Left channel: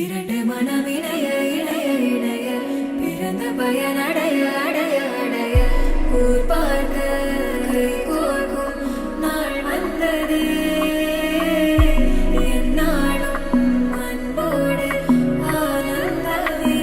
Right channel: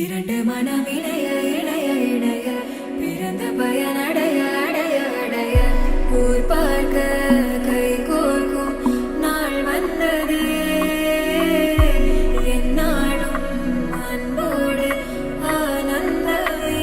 இரண்டு மனம் இணைய இணைய இணைய பிறந்த பயனடைய அடைய அடைய ஊர் பார்க்க கை கோர்க்கும் நாள் வந்ததே என்னாலும் அன்போடு ஆனந்தமே.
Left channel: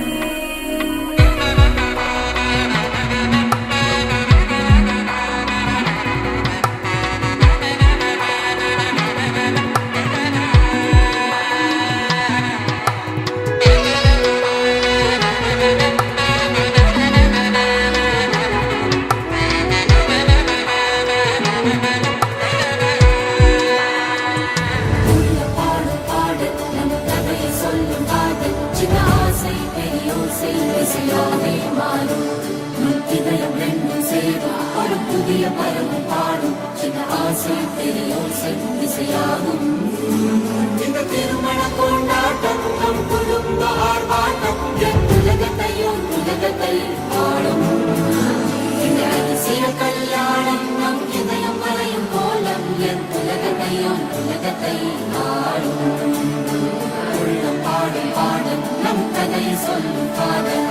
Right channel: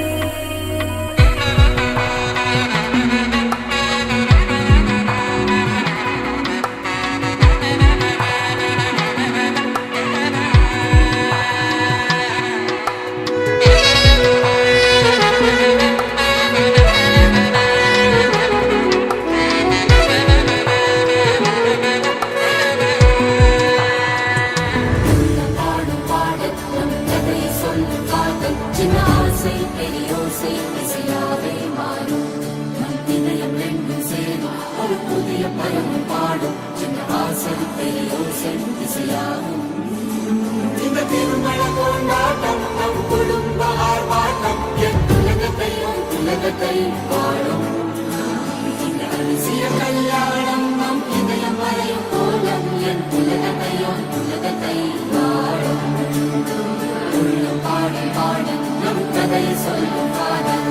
ஒரு புதிய பதமும் பாடும் சின்ன ஆசை பெரியோசை திசையாகும். இந்த திருமண கொண்டாட்டம் நம் குடும்ப ஆர்ப்பாட்டம் என் உலகத்தை வாழும். இந்த அதிசய கல்யாணம் நம் இதயம் வரையும் கோலம் என் உலகத்தை வாழும். உள்ளம் பாடும் பாடல் நம் கதை சொல்லும் காதல்.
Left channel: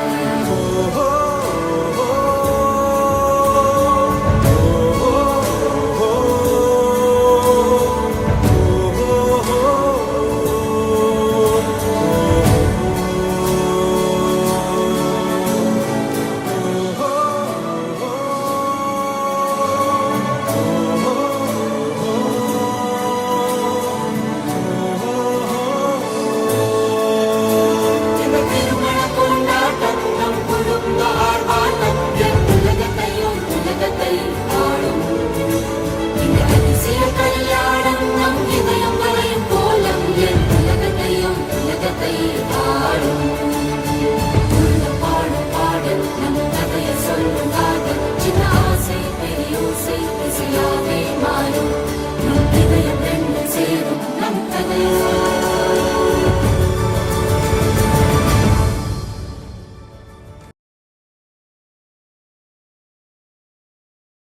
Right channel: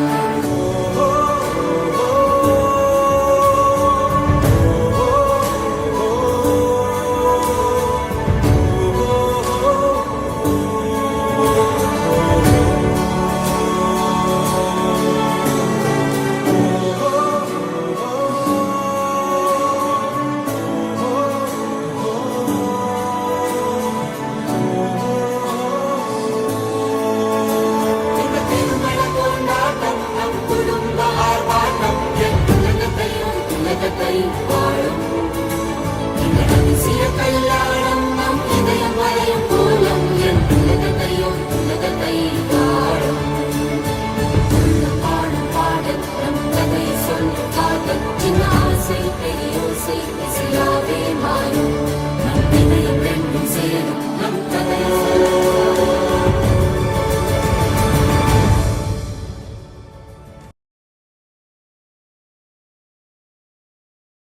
கல்யாணம் நம் இதயம் வரையும் கோலம் என் உலகத்தை